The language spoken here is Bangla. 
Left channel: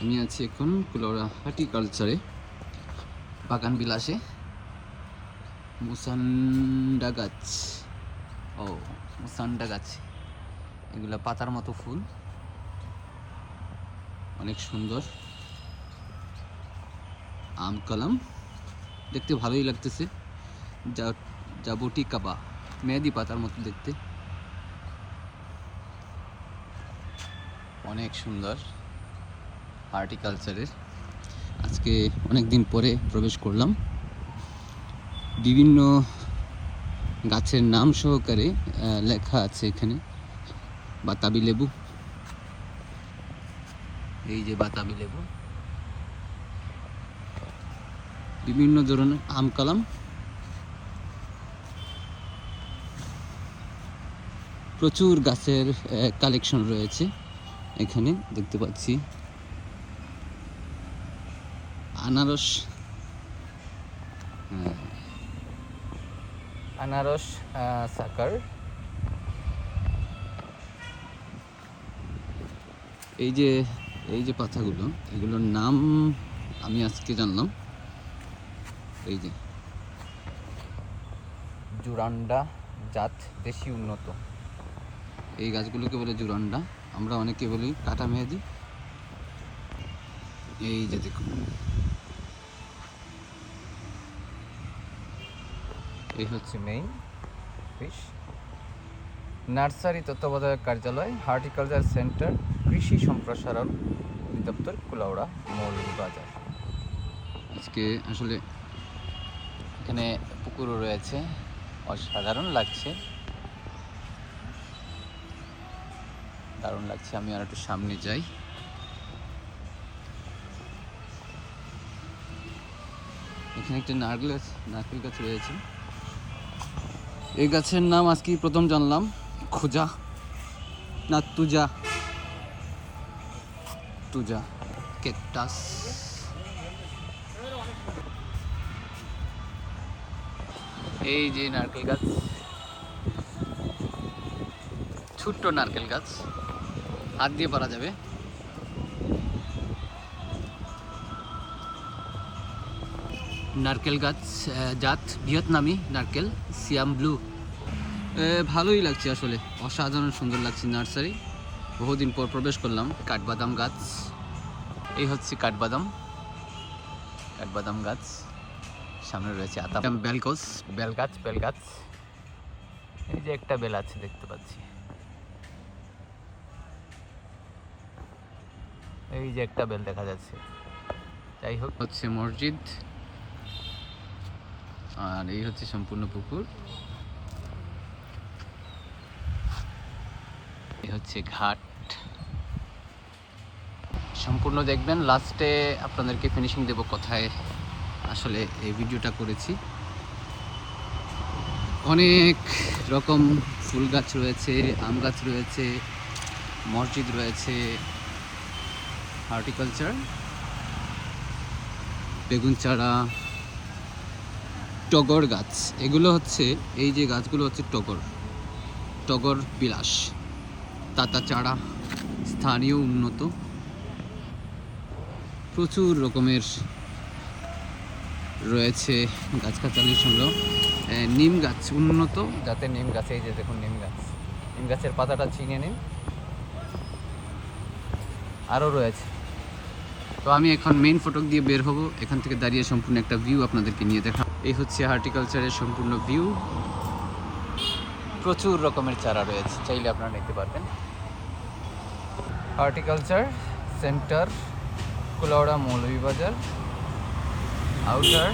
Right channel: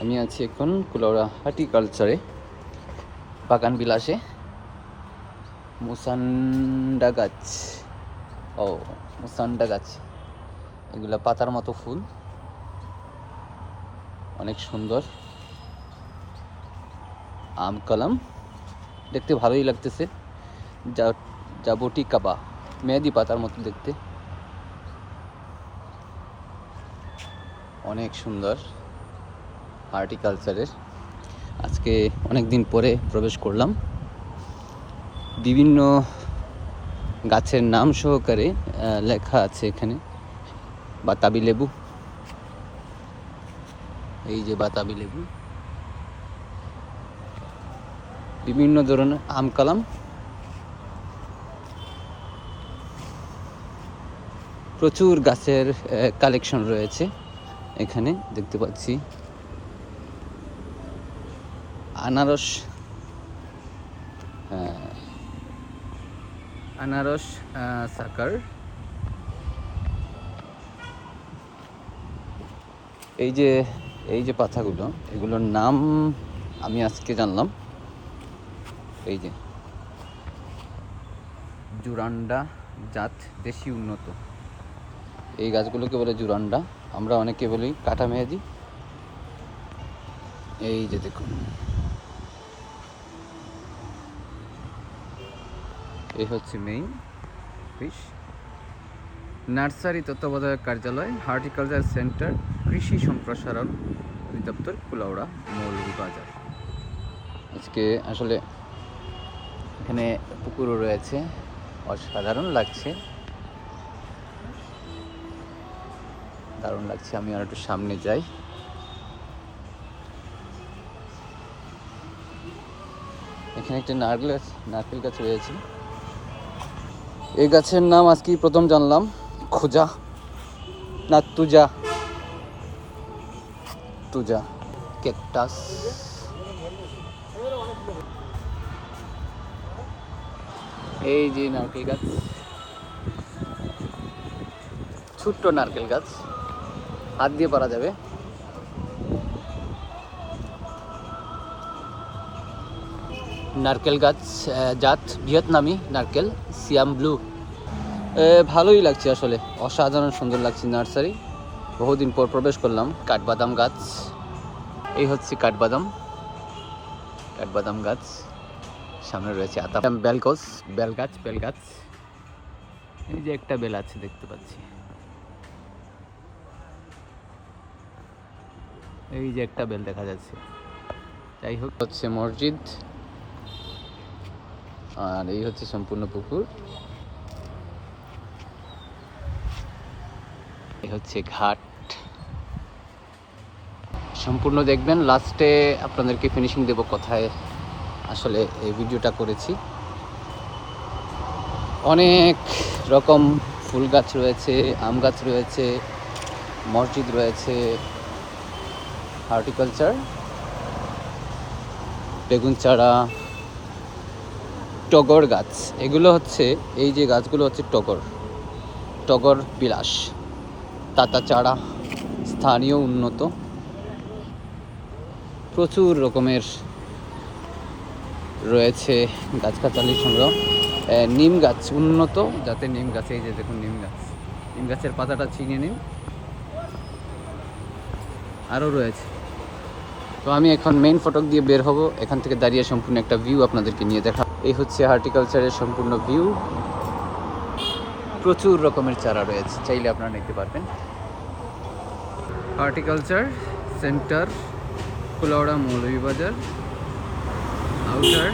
আমি আছি এখন কুলাউড়া হর্টিকালচারে, বাগান বিলাসে। মুসান্ডা গাছ, মুসান্ডা গাছ, এগুলা পাতার মতো ফুল, অনেক সুন্দর। আম কলম, দেখতে ভালোই লাগতেছে। জাবুটি কাবা, মেহেদি পাতার মতো দেখতে, অনেক সুন্দর হর্টিকালচারের। আজকে অনেক দিন পরে প্রবেশ করলাম। বিভিন্ন গাছের নাম সহকারে লেখা আছে এখানে। বাতাবি লেবু, এই যে বাতাবি লেবু, বিভিন্ন ধরনের আম কলম, প্রচুর গাছের কালেকশন রয়েছে এখানে দেখতে পাচ্ছি। আনারস, আনারস সাকার, এই যে পাতাগুলো, এগুলোর নাম আমি আজকে জানলাম। এই যে জুরান্ডা জাত, দেশি উন্নত, এই গাছগুলোকে বলে জুরান্ডা। আমরা অনেকে বলি কাটা মেহেদি। এই যে দেখুন, এই হচ্ছে মেইন অফিস, নার্সারি তত্ত্বাবধায়ক কার্যালয়, হর্টিকালচার সেন্টার, কৃষি সম্প্রসারণ অধিদপ্তর, কুলাউড়া, মৌলভীবাজার। আজকে আসলে এখানে পুকুরও রয়েছে, অসাধারণ লাগছে, দারুণ লাগছে। আমি আর একটু সামনে যাই। এখানে একটা নারকেল গাছ রয়েছে। এই গাছের নাম আজকে প্রথম জানলাম, খোজা না তুজা, ক্যাকটাস। এই যে নারকেল গাছ, ছোট্ট নারকেল গাছ, হাত দিয়ে পারা যাবে। নারকেল গাছ জাত ভিয়েতনামি নারকেল, সিয়াম ব্লু। ভালোই লাগছে আসলে, অসাধারণ সুন্দর লাগছে নার্সারি। বহুদিন পর প্রবেশ করলাম। কাঠবাদাম গাছ, এই হচ্ছে কাঠবাদাম গাছ। সামনে রয়েছে আতা, বেল গাছ। এই যে একটা বেল আছে দেখতে পাচ্ছি, এই যে একটা বেল দেখা যাচ্ছে। যাই হোক, হচ্ছে মসজিদ, আর এই হচ্ছে সম্পূর্ণ পুকুর, এই হচ্ছে ঘাট। সম্পূর্ণ দেখবেন, লাস্টে আপনাদেরকে ফিনিশিং দেব কোথায় আসলে এই ভিডিওটা করেছি। অনেক রকম ফুল গাছ রয়েছে, আম গাছ রয়েছে, মসজিদ রয়েছে, হর্টিকালচার, বেগুন চারা, টগর গাছ। এগুলো হচ্ছে, এই যে গাছগুলো হচ্ছে টগর বিলাস, তাতা চারা, স্থানীয় উন্নত, প্রচুর রকমের রয়েছে গাছগাছালির সংগ্রহ। নিম গাছ, উন্নত জাতের নিম গাছ, এই যে দেখুন নিম গাছের পাতাটা ছিঁড়ে নিন, আরও রয়েছে। তো আমি এখন মেইন ফটক দিয়ে বের হব, এখান থেকে দাঁড়িয়ে সম্পূর্ণ একটা ভিউ আপনাদেরকে নিয়ে দেখা। এই হচ্ছে হর্টিকালচারের সম্পূর্ণ ভিউ, প্রচুর রকমের চারা রয়েছে, চাইলে আপনারা নিতে পারবেন। Horticulture centre, Kulaura, Moulvibazar, outer.